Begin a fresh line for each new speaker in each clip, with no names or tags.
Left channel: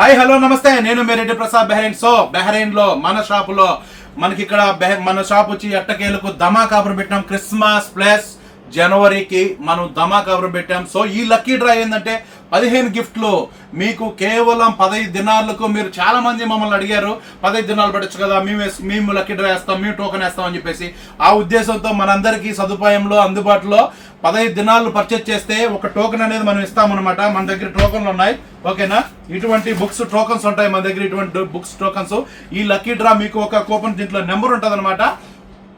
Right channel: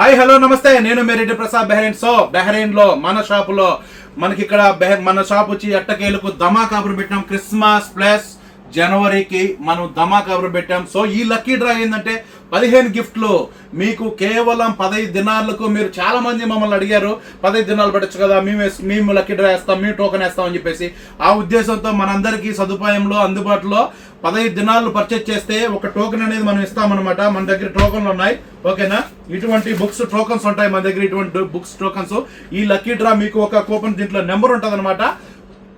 Hi hello నమస్తే. నేను Mereddy Prasad Bahrain so బెహ్రెయిన్లో మన షాపులో మనకి ఇక్కడ బెహ్- మన షాప్ వచ్చి ఎట్టకేలకు ధమాకాపురం పెట్టినాం. పెట్టాం క్రిస్మస్ ప్లస్ జనవరికి మనం ధమా కాపురం పెట్టాం. సో ఈ లక్కీ డ్రా ఏంటంటే పదిహేను గిఫ్ట్లు మీకు కేవలం పదహైదు దినాలకు మీరు చాలా మంది మమ్మల్ని అడిగారు. పదహైదు దినాలు పెట్టచ్చు కదా మేము మేము లక్కీ డ్రా వేస్తాం మేము టోకెన్ వేస్తాం అని చెప్పేసి. ఆ ఉద్దేశంతో మనందరికీ సదుపాయంలో అందుబాటులో పదహైదు దినాలు పర్చేజ్ చేస్తే ఒక టోకెన్ అనేది మనం ఇస్తామన్నమాట. మన దగ్గర టోకెన్లు ఉన్నాయి. ఓకేనా? ఇటువంటి బుక్స్ టోకన్స్ ఉంటాయి మన దగ్గర. ఇటువంటి బుక్స్ టోకన్స్ ఈ లక్కీ డ్రా మీకు ఒక కూపన్ దీంట్లో నెంబర్ ఉంటుంది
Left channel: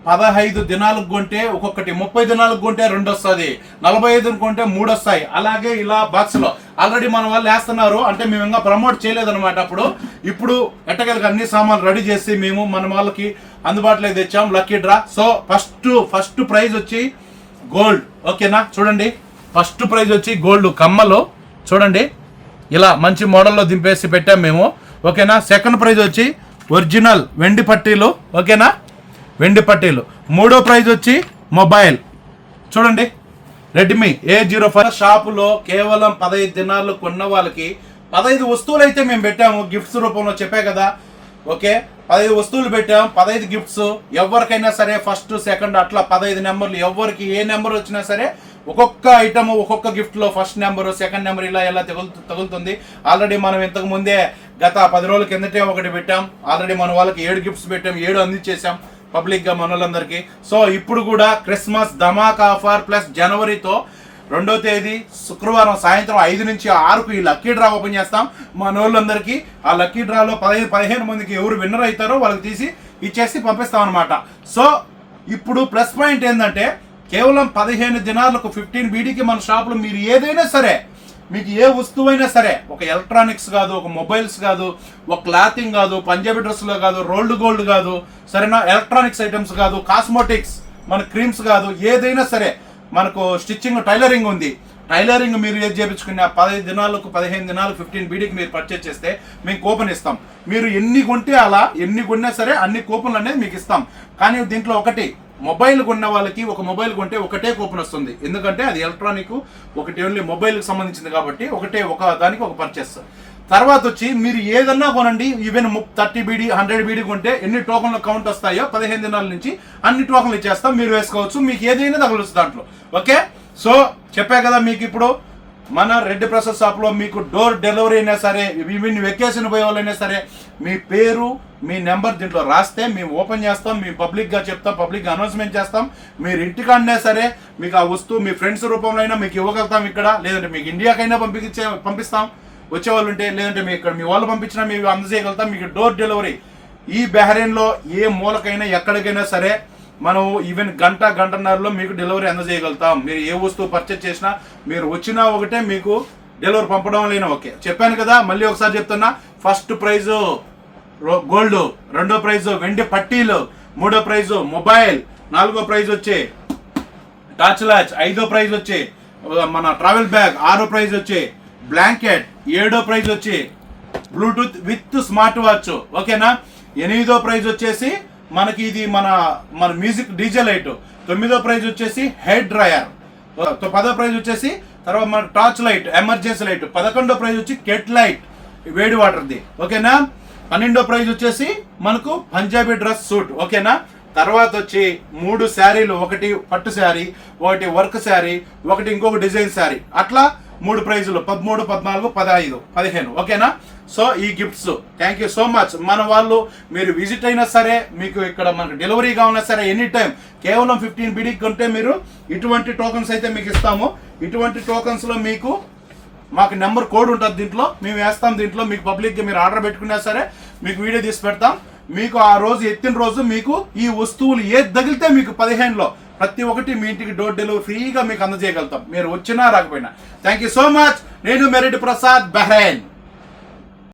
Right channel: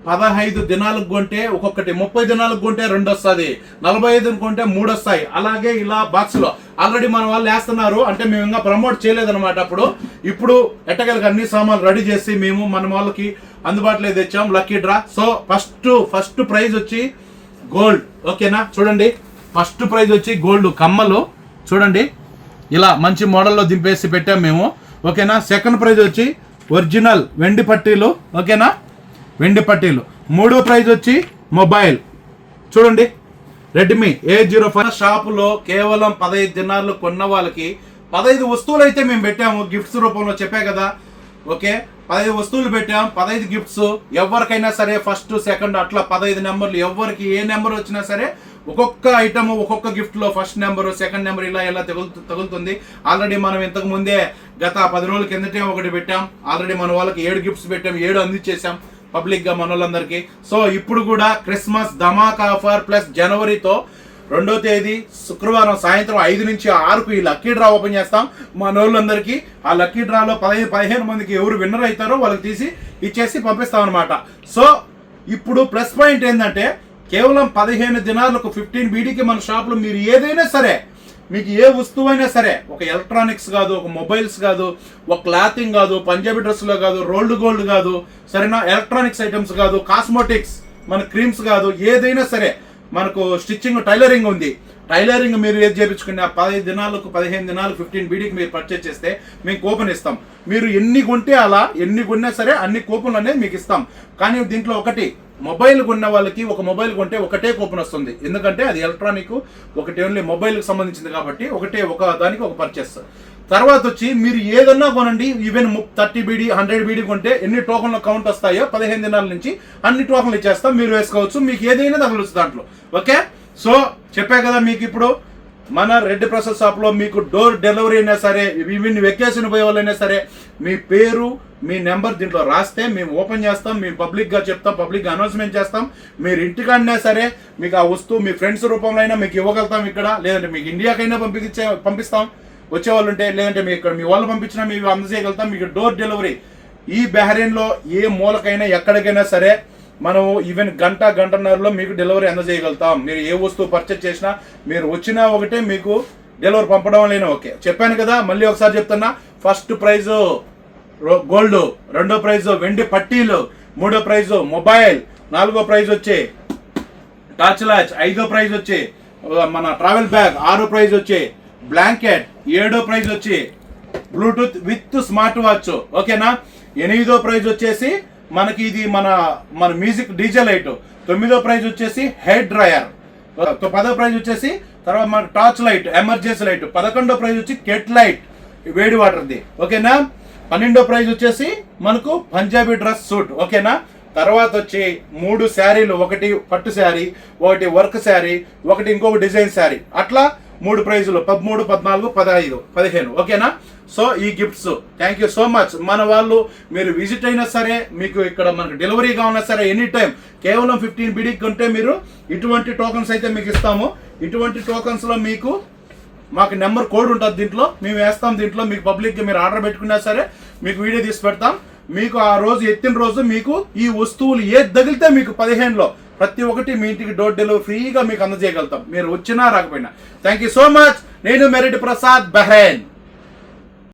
పదహైదు దినాలకు కొంటే ఒక్కొక్కటి ముప్పై దినాలకు కొంటే రెండు వస్తుంది నలభై ఐదు కొంటే మూడు వస్తాయి అలాగే ఇలా బాక్స్లో ఆల్రెడీ మన వాళ్ళు వేస్తున్నారు అంటే మేము ఇంకా ప్రమోట్ చేయలేదన్నమాట అప్పుడు. ఇప్పుడు ఎట్టగలకి అన్ని సామాన్లు రెడీ చేసి మేము మన వాళ్ళకి అందుబాటులో తెచ్చాం lucky draw. So first first prize వచ్చి గోల్డ్. ఓకేనా? చూడండి. ఫస్ట్ ప్రైజ్ వచ్చి గోల్డ్ కమ్మలు. చూడండి. ఇలా మంచి మోడల్లో దింపేసి పెట్టాం మేము. ఓకేనా? సెకండ్ ప్రైజ్ వచ్చి ఒరిజినల్ వెండి పట్టీలు. ఓకేనా? వెండి పట్టీలు. మూడో ప్రైజ్ వచ్చి మొబైల్. చూడండి. రెడ్మీ ఏ జీరో ఫైవ్ షాపులో కేవలం పదహైదు దినాలు కొన్న వాళ్ళకి పదహైదు వస్తువులు అయితే మేము పెట్టాము. గిఫ్ట్స్ రూపంలో చెప్పే కదా. ఓకే? పదహైదు వస్తువులు పెట్టాం పదహైదు గిఫ్ట్స్ ఎవరికైనా సరే ఫస్ట్ సెకండ్ అట్లా పదహైదు నెంబర్లు. ఎవరికి ఏ నెంబర్ వచ్చినా సరే ఒక్కొక్క ఐటమ్ ఒక్కొక్క గిఫ్ట్లో ఫస్ట్ నెంబరు సెకండ్ నెంబర్ ఇలా ఇలా తగులుతు తగులుతుంది. ఆల్రెడీ మనం ఇంతకు ముందే గత పది రోజుల కిందటే ఒకటి పెట్టాం. ఆల్రెడీ మన వాళ్ళకి ఏడు గిఫ్ట్స్ పెట్టాం. ఏడు అందించేసాం పబ్లిక్గా మనోళ్ళందరికీ సో ఇప్పుడు కూడా క్రిస్మస్ ధమాక్ ఆఫర్ ప్లస్ జనవరితో రెండో తేదీ శుక్రవారం సాయంత్రం ఐదు నుంచి ఆరుకు ఈ లక్కీ డ్రా ఓపెన్ చేస్తాం. మా నోళ్ళందరికీ ఆ లక్కీ డ్రాలో పదిహేను పదిహేను మందికి ఎవరు విన్నర్ అవుతారో వాళ్ళకి తీసి ఇచ్చేసి పంపిస్తాం అనమాట సో ఇప్పుడు ప్లస్ పాయింట్ ఏంటంటే కేవలం పదిహేను దినాలకు ఫిఫ్టీన్ బీడీకి మన షాపులో మీరు ఏదైనా సరే మీకు ఏ వస్తువైనా సరే ఒక ఎలక్ట్రానిక్స్ కాదు ఒక మొబైల్స్ కాదు ఒక క్లాతింగ్ కాదు పంజాబీ డ్రెస్లో కాదు రోల్డ్ గోల్డ్ కాదు సరేనా? ఎలక్ట్రానిక్స్ ఐటమ్స్ కాదు కాస్మోటిక్స్ మన క్రీమ్స్ కాదు ఏదైనా సరే మనకు స్టిచ్చింగ్ టైలరింగ్ ఉంది. టైలరింగ్ మీరు ఏది చేపించుకున్నా పదహైదు దినాలకు పదిహేను దినాలకు ఫిఫ్టీన్ బీడీకి మీరు పర్చేజ్ చేస్తే మేము కూపన్ ఇస్తాం. మీరు ఎన్ని కొంటే అలా ఎన్ని కొన్నా సరే అన్ని కూపన్లు అనేది మీకు ఇస్తాం. కానీ దీంట్లో ఒకటి మొబైల్ కొన్న వాళ్ళకి ఒక మొబైల్ కొంటే ఒకటే కూపన్ వస్తుంది. ఎందుకంటే అది ఎలక్ట్రానిక్ ఒకటి ఓన్లీ మొబైల్కి సంబంధించింది కాబట్టి ఒకటే ఒక దానికి ఒక పర్చేస్ తర్వాత వచ్చి మీరు ఏదన్నా కొనండి even thirty BD hundred BD కొంటే ఎన్ని టోకన్ల కౌంట్ వస్తాయో పదిహేను దినాల నుంచి అన్ని టోకన్లు ఇచ్చేస్తాం మీరు వేసుకోవచ్చు మీకు ఏదైనా తగలొచ్చు దాంట్లో. ఓకే? సో చెప్పా కదా మీకు ఇప్పుడు మన రెడ్ ప్రసాద్ షాప్లో మీకు డోర్ డెలివరీ అయినా సరే ఈవెన్ వెకేషన్ పోయే వాళ్ళైనా సరే మీ పేరు మీ నెంబర్ దీంట్లో రాస్తే మేము ఓపెన్ చేస్తాం మేము పబ్లిక్గా చెప్తాం పబ్లిక్గా అనౌన్స్మెంట్ చేస్తాం. మీరు ఇంటికాడినా సరే మీకు ఆ వస్తువు మీ ఫ్రెండ్స్ రూపంలో అయినా మీకు ఇవ్వగలుగుతాం ఇక్కడ లేదంటే మీకు ఇండియాకైనా పంపించే పంపిస్తాం. వచ్చే వాళ్ళు ఉంటే లేదంటే మీ ఇక్కడ మీ వాళ్ళు పంపించినా మేము అందజేయగలుగుతాం. మీకు డోర్ డెలివరీ ఈ బెహరీన్లో ఏ మూలకైనా ఎక్కడికైనా సరే మనం ఈవెన్ గంట గంటన్నరలో మీకు డెలివరీ అందజేయగలుగుతాం. మీరు ఏ వస్తువు పర్చేజ్ చేసినా మీరు వచ్చినా ఒకటే మీకు డెలివరీ పంపడం లేని ఓకే. చెప్పాను కదా మళ్ళీ ఒకసారి చెప్తున్నా ఫస్ట్ ప్రైజ్ గోల్డ్ రెండో ప్రైజ్ వెండి పట్టీలు మూడో ప్రైజ్ మొబైల్ నాలుగో ప్రైజ్ వచ్చే టార్చ్ లాచ్ ఐదో ప్రైజ్ వచ్చి మన ట్రావెల్ బ్యాగ్ ఆరో ప్రైజ్ వచ్చి బ్లాంకెట్ ఏడో ప్రైజ్ వచ్చి బ్లూటూత్ విత్ స్మార్ట్ వాచ్ ఓకేనా? ఎనిమిదో ప్రైజ్ వచ్చేసి మనకి ఇది మన మన మ్యూజిక్ డీజే లైట్ తొమ్మిదో ప్రైజ్ వచ్చేసి హెయిర్ డ్రయర్ పదో ప్రైజ్ వచ్చేసి తర్వాత మన టార్చ్ లైట్ ఎమర్జెన్సీ లైట్ పదకొండో ప్రైజ్ వచ్చి కెట్ లైట్ వేడి వాటర్ది ఓకేనా? పన్నెండో ప్రైజ్ వచ్చేసి మనకు పంజాబీ డ్రెస్ సూట్ ఓకేనా? తర్వాత వచ్చి మూడు శారీలు. ఒకటి పట్టు శారీ ఒకటి వర్క్ శారీ ఒకటి ఇంకొక డిజైన్ శారీ. అట్లా మూడు ప్రైజులు పదమూడు పద్నాలుగు పదహైదు పదిహేను. ఓకేనా? సో ఈ gifts. Thank you so much మన వాళ్ళు మీరు విజిట్ అయినా సరే మీకు ఇక్కడ మనకు డెలివరీగా ఉన్నా సరే ఎనీ టైం కేవలం ఫిఫ్టీన్ బిడికి ఉంటే మీరు ఇటువంటి టోకన్స్ అయితే మీకు ఇస్తాము. ఇటువంటి టోకన్స్లో మీకు మాకు నెంబర్ కోడ్ ఉంటుంది దీంట్లో. మేము వేస్తాం దీంట్లో. మీకు పబ్లిక్గా మీరు ఆర్డర్ పెట్టుకున్నా సరే మీకు వీడియో తీసి పెడతాం. మీకు ఆ రోజు ఎత్తిన రోజు మీకు ఈ వస్తువులు ఏది తగిలితే మీకు పదిహేనులో ప్రతి ఒక్కటి మీ ఇంటికి డోర్ డెలివరీ ఫ్రీగా మీకు అందజేయగలుగుతాం. మీరు వచ్చినా రాకపోయినా. థ్యాంక్ యూ సో మచ్ నేను మెరిట్ ప్రసాద్ బెహ్రైన్.